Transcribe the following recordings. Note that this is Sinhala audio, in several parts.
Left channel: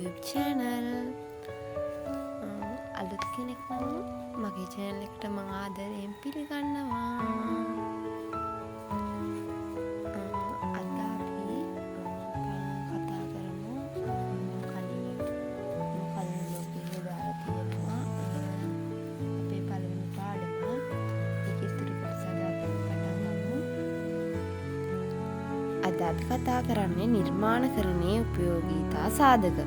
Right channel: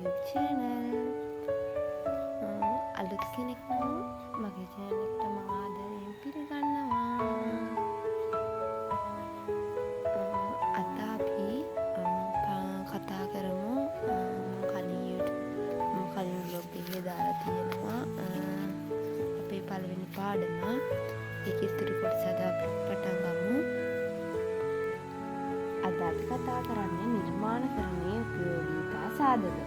YouTube channel. අලුත් කෙනෙක් නම් මගේ channel එකට මම ආදරයෙන් පිළිගන්නවා. අද අපි කතා කරමු කලින් vlog එකේ දාලා තියෙනවා අපේ පළවෙනි පාඩම. ඒකේ ඉතිරි කොටස අද අපි පටන් ගමු. අද අපි කතා කරන්නේ නිර්මාණකරණයේ උපයෝගීතා සාධක.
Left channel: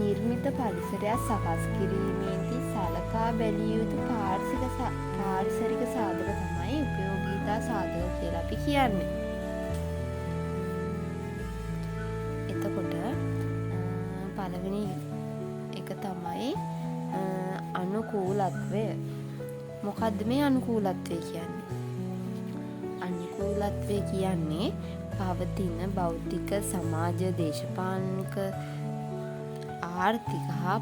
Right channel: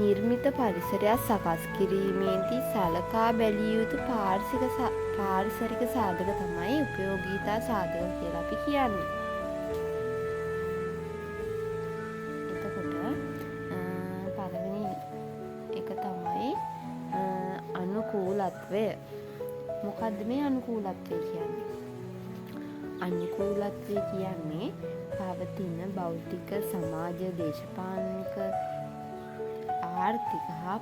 නිර්මිත පරිසරයක් සකස් කිරීමේදී සලකා බැලිය යුතු පාරිසරික සාධක තමයි උපයෝගීතා සාධක කියලා අපි කියන්නේ. එතකොට පළවෙනි එක තමයි අනුකූලත්වය. මොකද්ද මේ අනුකූලත්වය කියන්නේ? අනුකූලත්වය කියන්නේ පවතින භෞතික, සමාජ, දේශපාලනික, ආර්ථික හා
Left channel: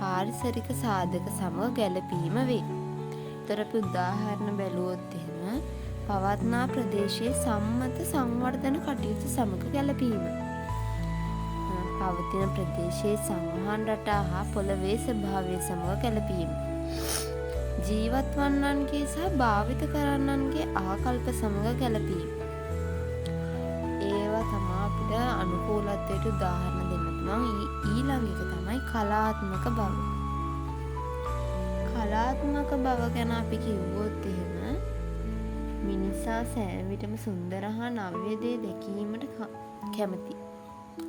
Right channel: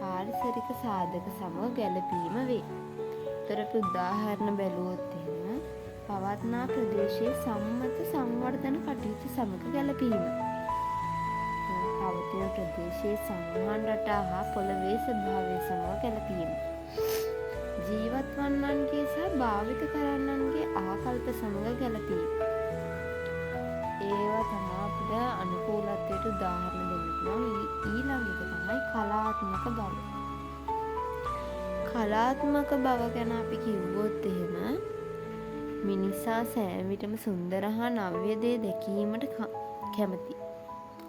පාරිසරික සාධක සමග ගැලපීම වේ. ඒතර අපි උදාහරණ බැලුවොත් එහෙම පවත්නා ප්‍රදේශයේ සම්මත සංවර්ධන කටයුතු සමග ගැලපීම. පවතින ප්‍රදේශයේ සංවහන රටා හා පොළවේ ස්වභාවය සමග ගැලපීම. ජීවත් වන්නන්ගේ සහ භාවිත කරන්නන්ගේ ආකල්ප සමග ගැලපීම. ඒවා තමයි අපිට අනුකූලත්වයට උදාහරණ දෙන්න පුළුවන්. ඊළඟ එක තමයි කලාත්මක බව. කලාත්මක බව ගැන අපි කිව්වොත් එහෙම මිනිසා සෑම විටම සුන්දර හා නව්‍ය දේ දැකීමට කැමති.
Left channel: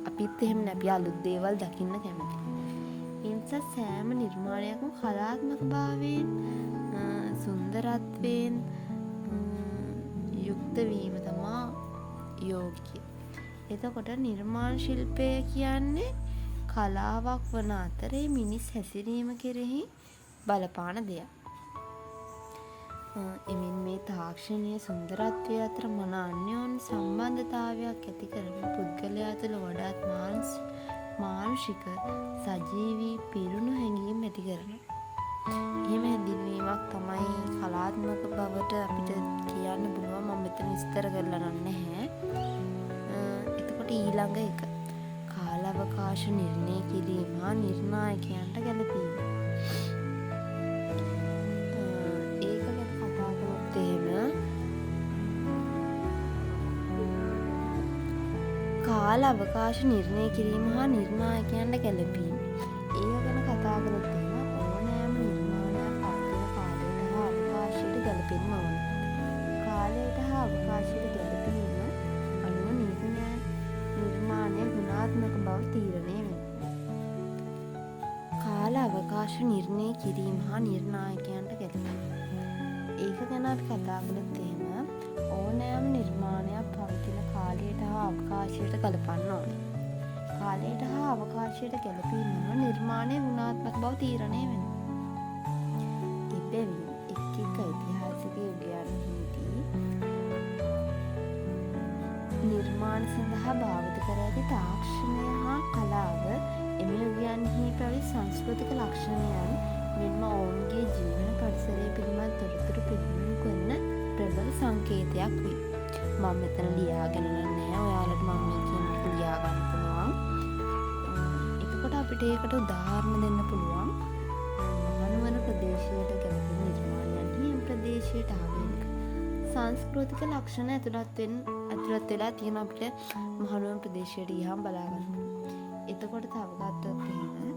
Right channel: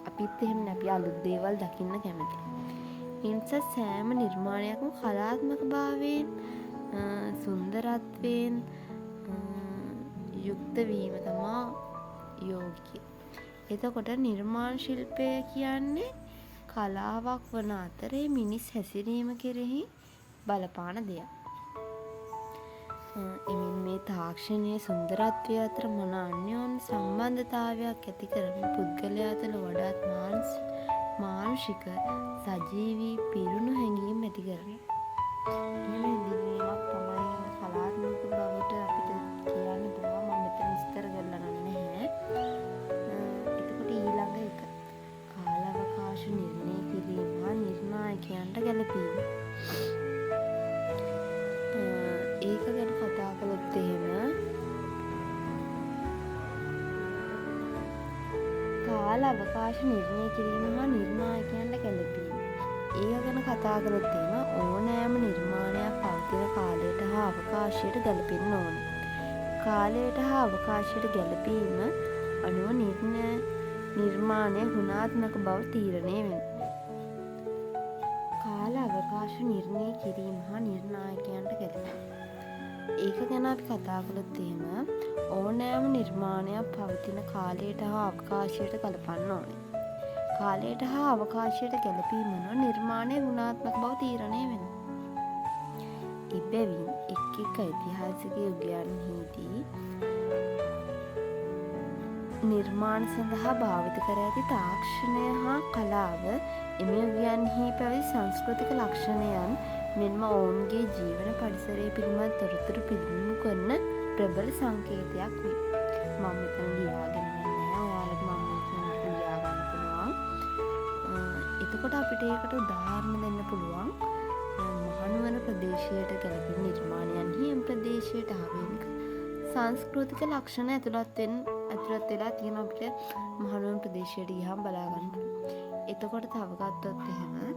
අපිත් එහෙම අපි අලුත් දේවල් දකින්න කැමති. ඒ නිසා සෑම නිර්මාණයක්ම කලාත්මක භාවයෙන් සුන්දරත්වයෙන් යුක්ත වීම තමයි යෝග්‍ය. එතකොට නිර්මාණ ශිල්පය කියන්නේ කලාවක් වන අතරේ මිනිස් හැසිරීම කෙරෙහි බලපාන දෙයක්. එමින් මේ තාක්ෂණීය සුන්දරත්වය අතර මන අන්‍යෝන්‍ය සම්බන්ධතාවයක් ඇති කරන පුද්ගලයා තුළ වඩාත් මානුෂික, සජීවී, පිරුණු හැඟීම් ඇති කරනවා. එහෙම හැඳින්වීමක් තමයි කලාත්මක බවට අපිට කියන්න පුළුවන්. මම මෙතන විස්තර කරලා නැහැ. එතකොට ඊළඟ එක කාලාවකාශ නිර්ණය කිරීම හා නිර්ණායකයන්ට ගැලපීම. ඒක ගැන කතා කළොත් එහෙම කාලාවකාශ නිර්ණය කිරීම හා නිර්ණායකයන්ට ගැලපීම. ඒක ගැන කතා කළොත් එහෙම ඕනෑම නිර්මාණයක් පවතින කාලයට හා අවකාශයට ගැලපෙන්න ඕන. කාලයට හා අවකාශයට ගැලපීම අනුව නිර්මාණය ගුණාත්මක බව තීරණය වෙනවා. කාල අවකාශ නිර්ණය කිරීම හා නිර්ණායකයන්ට ගැලපීම. ඒක ගැන අපි කතා කළොත් එහෙම ඕනෑම නිර්මාණයක් පවතින කාලයට හා අවකාශයට ගලපන්න ඕනේ. කාලයට හා අවකාශයට ගැලපීම අනුව නිර්මාණය ගුණාත්මක බව තීරණය වෙනවා. එබැවින් එක් ඓතිහාසික යුගයන්හිදී නිර්මාණ සඳහා භාවිත කර ඇති තාක්ෂණය හා කලාව එම යුගයන්හි පැවති සංස්කෘතික ලක්ෂණයන් මෙන්ම ඔවුන්ගේ ජීවන පරිසරය පිළිබඳ තොරතුරු පිළිබිඹු කරන ප්‍රබල සංකේතයක් වේ. මම මෙතන ලියාගෙන නැහැ. ඔයාලට මම මේ කියන එක ලියා ගන්න පුළුවන්. එතකොට අපිට ඒකට උදාහරණ දෙන්න පුළුවන්. මහනුවර ප්‍රදේශයට ගැලපෙන නිර්මාණයන්හි එම ප්‍රදේශයට ආවේනික සංස්කෘතික ලක්ෂණ ඇතුළත් වෙලා තියෙන අපිට මහනුවර ප්‍රදේශයට ගියාම බලා ගන්න පුළුවන්. එතකොට තව ගත්තොත් එහෙම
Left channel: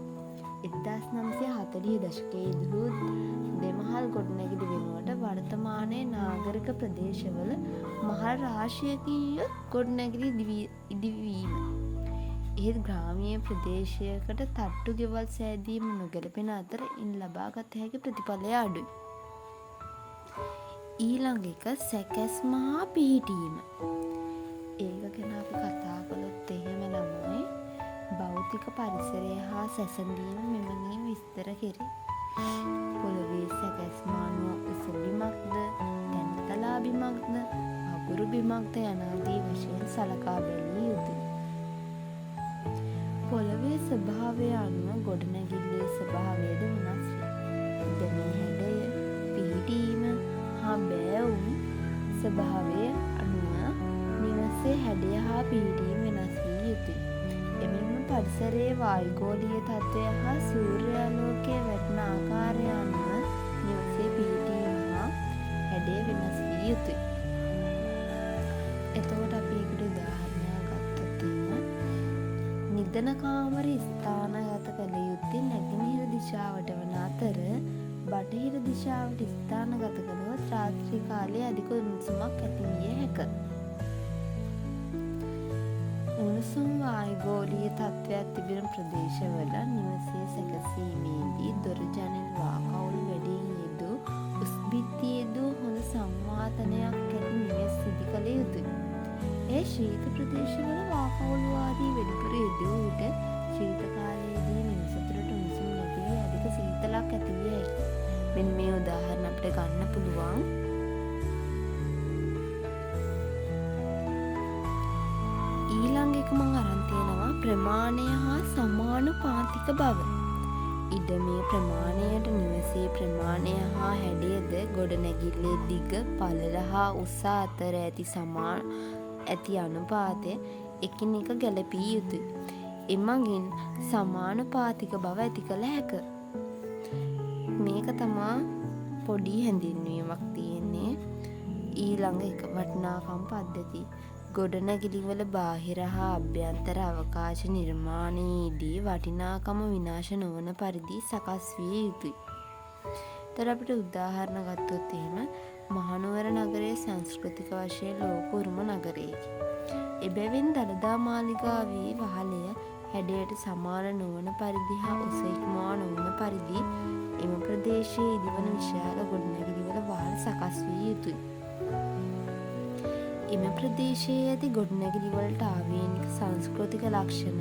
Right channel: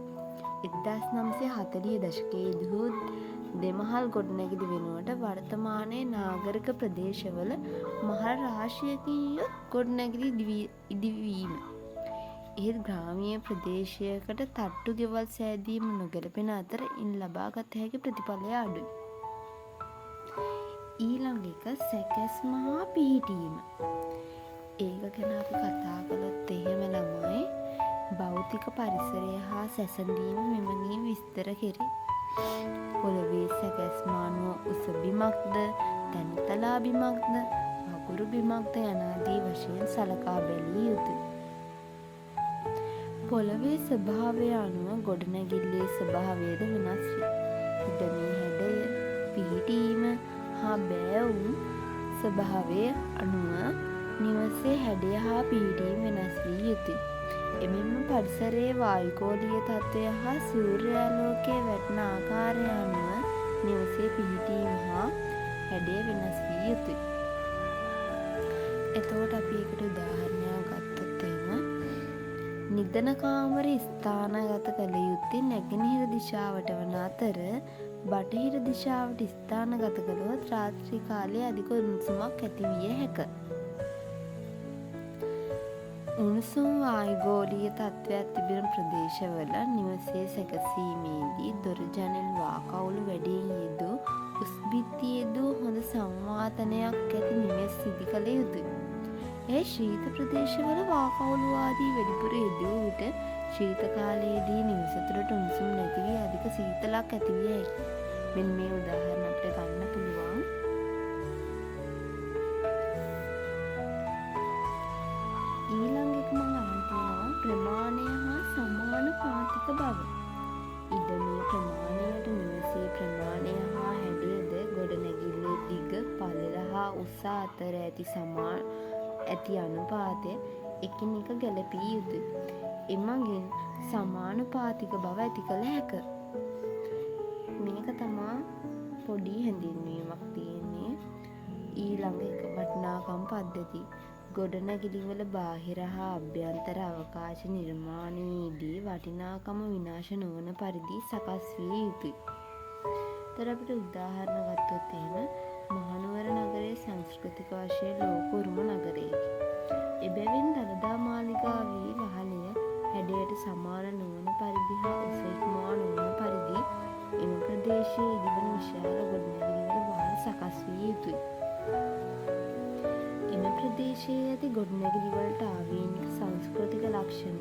1940 දශකයේදී දෙමහල් ගොඩනැගිලි වෙනුවට වර්තමානයේ නාගරික ප්‍රදේශවල මහල් රාශියකින් යුත් ගොඩනැගිලි ඉදිවීම. එහෙත් ග්‍රාමීය ප්‍රදේශයකට තට්ටු ගෙවල් සෑදීම නොගැලපෙන අතර ඉන් ලබාගත හැකි ප්‍රතිඵලය අඩුයි. ඊළඟ එක සැකැස්ම හා පිහිටීම. ඒක ගැන අපි කතා කළොත් එහෙම ළමයි භෞතික පරිසරය හා සැසඳීම මෙමගින් විස්තර කෙරේ. පොළවේ සැකැස්ම අනුව උස බිමක්ද, තැන්තලා බිමක්ද, අගුරු බිමක්ද යනාදී වශයෙන් සලකා බැලිය යුතුයි. පොළවේ ස්වභාවය අනුව ගොඩනැගිල්ලේ ස්වභාවයද වෙනස් වේ. ඉදමේ හැඩය, පිහිටීම හා බෑවුම් ස්වභාවය අනුව නිවසේ හැඩය හා පිහිටීම වෙනස් විය යුතුයි. එමෙන්ම පරිසරයේ වායුගෝලීය තත්ත්වය හා සූර්යාලෝකය වැටෙන ආකාරය අනුව නිවසේ පිහිටීම හා හැඩය වෙනස් විය යුතුයි. එතකොට අපි ඒකට උදාහරණයක් ගත්තොත් නිදන කාමර ස්ථානගත කළ යුත්තේ නැගෙනහිර දිශාවට වන අතර බටහිර දිශාවට ස්ථානගත කළොත් රාත්‍රී කාලයේ අධික උණුසුමක් ඇති විය හැක. උණුසුම් වායුගෝලීය තත්ත්වයක් තිබෙන ප්‍රදේශවල නිවසේ සැකසීමේදී දොර ජනෙල් වාකවුළු වැඩියෙන් යෙදූ උස් බිත්ති යෙදූ හොඳ සංවාතනයක් ඇති නිවෙස් ඉදි කළ යුතුයි. ඒ ශීත ප්‍රදේශවල වාකවුළු ආදී වැඩිපුර යෙදූ විට ශීත කාලයේදී නිවස තුළට උණුසුම් නැති වී අධික සීතලක් ඇති විය හැකියි. මෙන්න මේ උදාහරණ අපිට ගන්න පුළුවන්. ඊළඟ එක මම අරන් තියෙනවා ප්‍රමාණය හා සමානුපාතික බව. ඉඩමේ ප්‍රමාණයට නිවසේ ප්‍රමාණය හා හැඩයද ගොඩනැගිල්ලේ දිග, පළල හා උස අතර ඇති අනුපාතය එකිනෙක ගැලපී යුතුයි. එමගින් සමානුපාතික බව ඇති කළ හැක. මේක තමා පොඩි හැඳින්වීමක් තියෙන්නේ. ඊළඟ එක වටිනාකම් පද්ධති. ගොඩනැගිලිවල බාහිර හා අභ්‍යන්තර අවකාශ නිර්මාණයේදී වටිනාකම විනාශ නොවන පරිදි සකස් විය යුතුයි. තර අපිට උදාහරණ ගත්තොත් එහෙම මහනුවර නගරයේ සංස්කෘතික වශයෙන් ලෝක උරුම නගරයකි. එබැවින් දළදා මාලිගාවේ වහලය හැඩයට සමාන නොවන පරිදි හා උස ඉක්මවා නොවන පරිදි එම ප්‍රදේශයේ ඉදිවන විශාල ගොඩනැගිලිවල වහල් සකස් විය යුතුයි. එම ප්‍රදේශයේ ඇති ගොඩනැගිලිවලට ආවේනික සංස්කෘතික ලක්ෂණ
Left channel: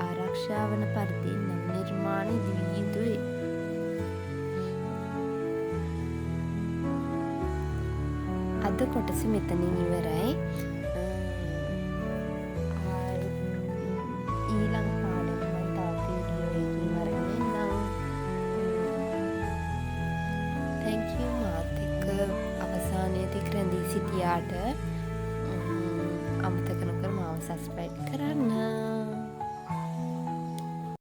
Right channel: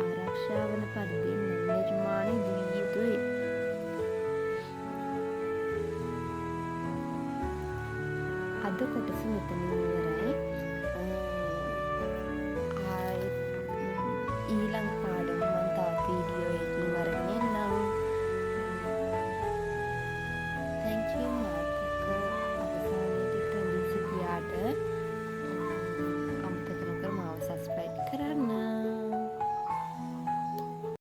ආරක්ෂා වන පරිදි නව නිර්මාණ ඉදිවිය යුතුයි. අද කොටස මෙතනින් ඉවරයි. ඊළඟ පාඩම මම තව වීඩියෝ එකකින් අරගෙන එන්නම්. thank you මාත් එක්ක අවසානයේදී රැඳී සිටියාට අමතක නොකර මාව subscribe කරන්න.